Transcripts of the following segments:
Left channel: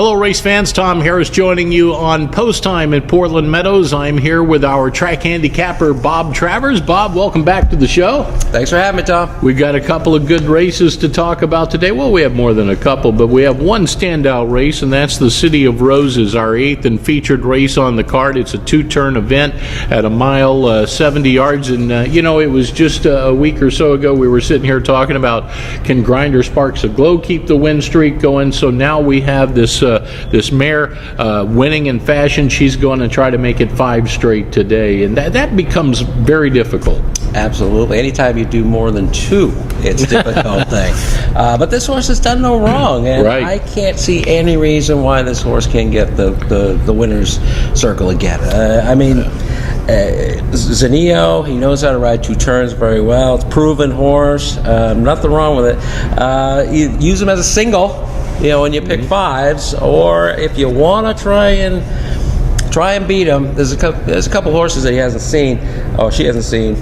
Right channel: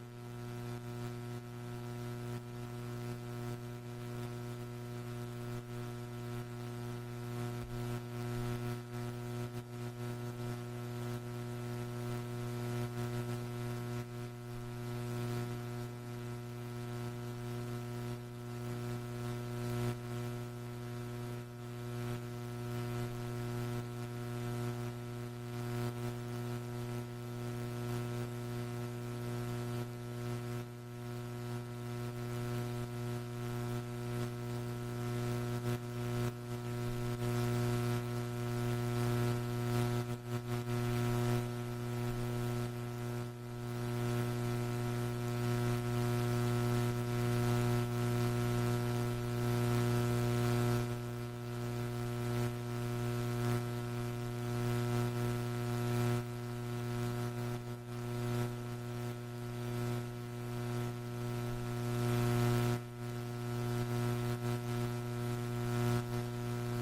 Hello, race fans. Tom Harris joining you on Post Time at Portland Meadows. I'm here with our track handicapper, Bob Travers. Bob, welcome back to the show. Thanks for having me, Tom. We've got a couple of good races to talk about today. Well, we have more than a couple, but we have one standout race, and that's the City of Roses, our 8th and featured race on the card. It's a two-turn event at a mile, 70 yards. And, it was just a week or so ago we were sitting here talking about, can Grinder Sparks of Glow keep the win streak going? So now we have this mare winning in fashion. She's going to try to make it 5 straight today, and that becomes very difficult. Absolutely. Anytime you do more than 2, it's a difficult thing. But this horse has done no wrong, and right. I can't see any reason why this horse can't get the winner's circle again. Zenio, he knows how to ride 2 turns very well. It's a proven horse. Nothing wrong with it. You use him as a single, when you pick 5s, or if you want to try and beat him, there's a couple horses that he hasn't seen. Oh, she hasn't seen.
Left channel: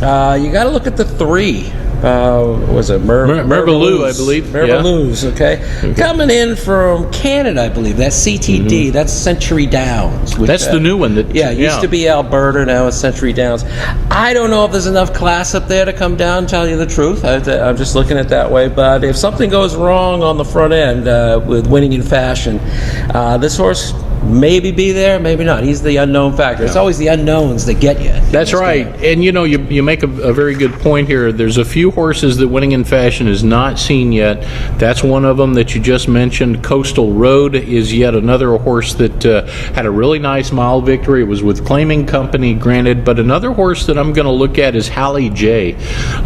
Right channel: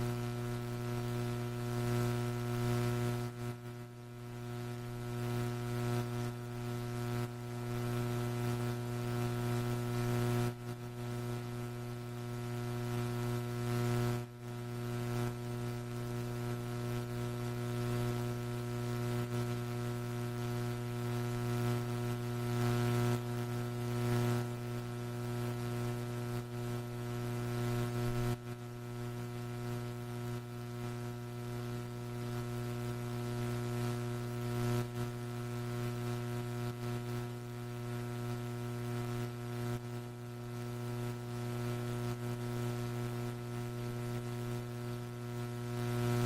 You got to look at the 3. Was it Merveilleux, I believe. Merveilleux, okay. Coming in from Canada, I believe. That's CTD. That's Century Downs. Which, that's the new one. It used to be Alberta, now it's Century Downs. I don't know if there's enough class up there to come down, tell you the truth. I'm just looking at it that way. But if something goes wrong on the front end with winning in fashion, this horse maybe be there, maybe not. He's the unknown factor. It's always the unknowns that get you. That's right. And you make a very good point here. There's a few horses that winning in fashion is not seen yet. That's one of them that you just mentioned. Coastal Road is yet another horse that had a really nice mile victory. It was with Claiming Company, granted, but another horse that I'm going to look at is Hallie J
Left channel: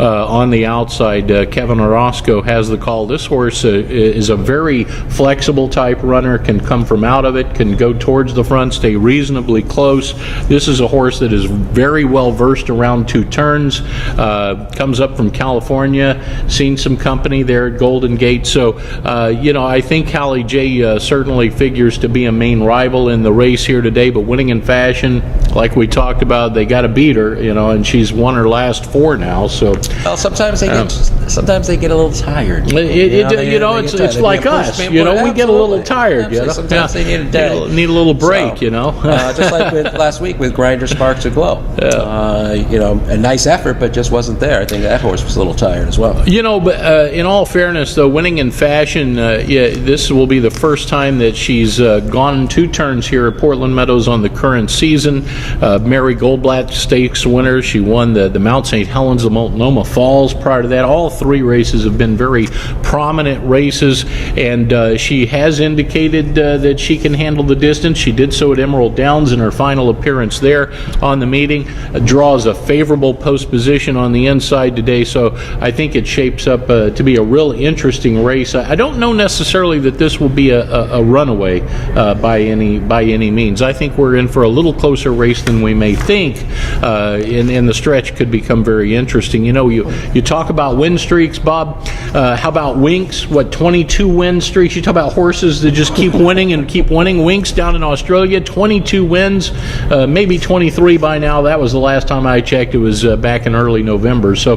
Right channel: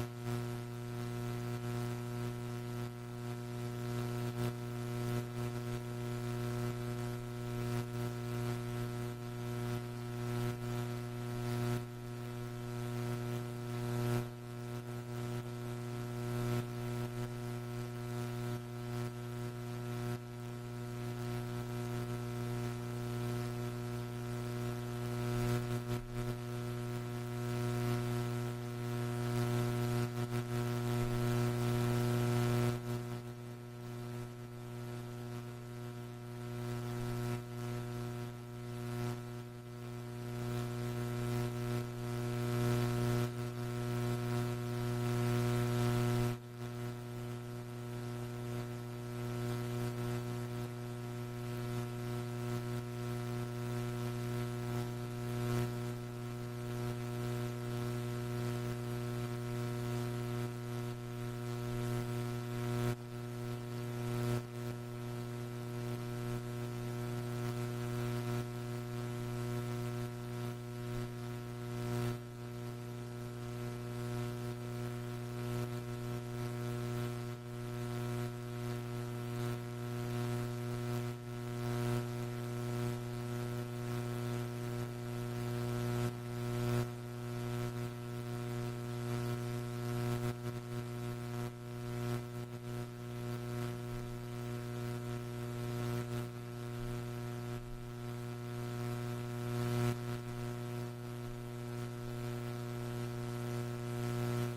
on the outside. Kevin Orozco has the call. This horse is a very flexible type runner, can come from out of it, can go towards the front, stay reasonably close. This is a horse that is very well versed around 2 turns, comes up from California, seen some company there at Golden Gate. So, I think Hallie J certainly figures to be a main rival in the race here today, but winning in fashion, like we talked about, they got to beat her, and she's won her last 4 now. So, well, sometimes they get a little tired. It's like us. We get a little tired. Sometimes they need a day. Need a little break, just like last week with Grinder Sparks of Glow. A nice effort, but just wasn't there. I think that horse was a little tired as well. But in all fairness, though, winning in fashion, this will be the first time that she's gone 2 turns here at Portland Meadows on the current season. Mary Goldblatt Stakes winner. She won the Mount St. Helens, the Multnomah Falls prior to that. All 3 races have been very prominent races, and she has indicated that she can handle the distance. She did so at Emerald Downs in her final appearance there on the meeting. Draws a favorable post position on the inside today, so I think it shapes up to be a real interesting race. I don't know necessarily that this will be a runaway by any means. I think we're in for a little closer race than we may think, and the stretch could become very interesting. You talk about win streaks, Bob. How about Winks? 22 win streaks? You talk about horses that just keep winning and keep winning. Winks down in Australia, 22 wins, maybe 23 by now. That was the last time I checked. It was back in early November. So,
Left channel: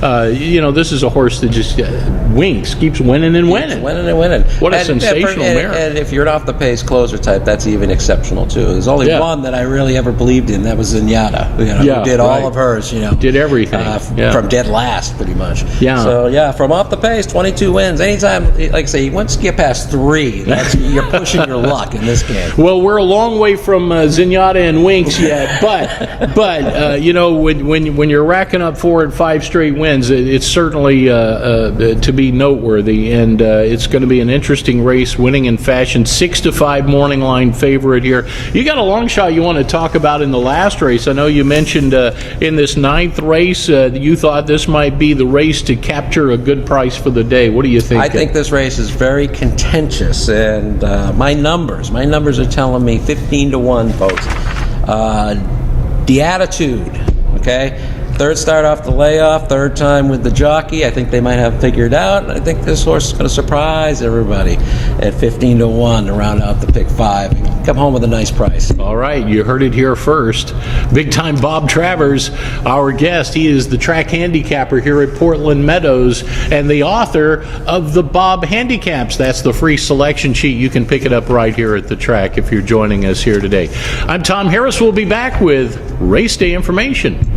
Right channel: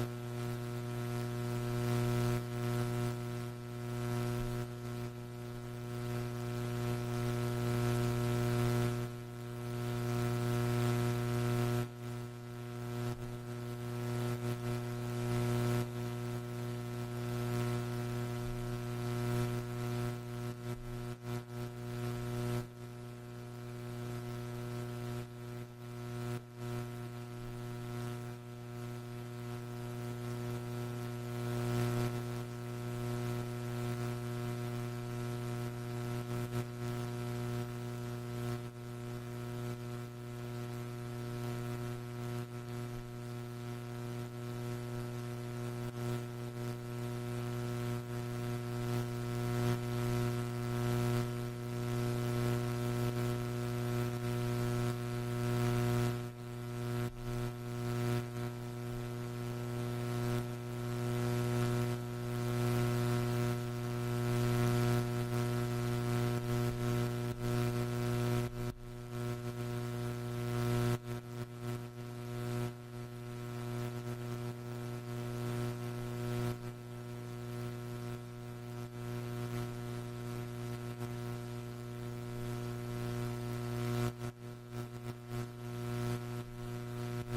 this is a horse that just Winks keeps winning and winning. What a sensational mare. And if you're an off-the-pace closer type, that's even exceptional, too. There's only one that I really ever believed in. That was Zenyatta, who did all of hers, Did everything. From dead last, pretty much. Yeah. So, from off the pace, 22 wins. Anytime, like I say, once you get past 3, you're pushing your luck in this game. Well, we're a long way from Zenyatta and Winks yet, but when you're racking up 4 and 5 straight wins, it's certainly to be noteworthy, and it's going to be an interesting race. Winning in fashion, 6-5 morning line favorite here. You got a long shot you want to talk about in the last race. I know you mentioned in this 9th race you thought this might be the race to capture a good price for the day. What do you think? I think this race is very contentious, and my numbers are telling me 15-1, folks. The Attitude, okay? Third start off the layoff, third time with the jockey. I think they might have figured out. I think this horse is going to surprise everybody at 15-1 to round out the pick 5 and come home with a nice price. All right, you heard it here first. Big time Bob Travers, our guest. He is the track handicapper here at Portland Meadows and the author of the Bob Handicaps. That's the free selection sheet. You can pick it up right here at the track if you're joining us here today. I'm Tom Harris. We'll be back with race day information.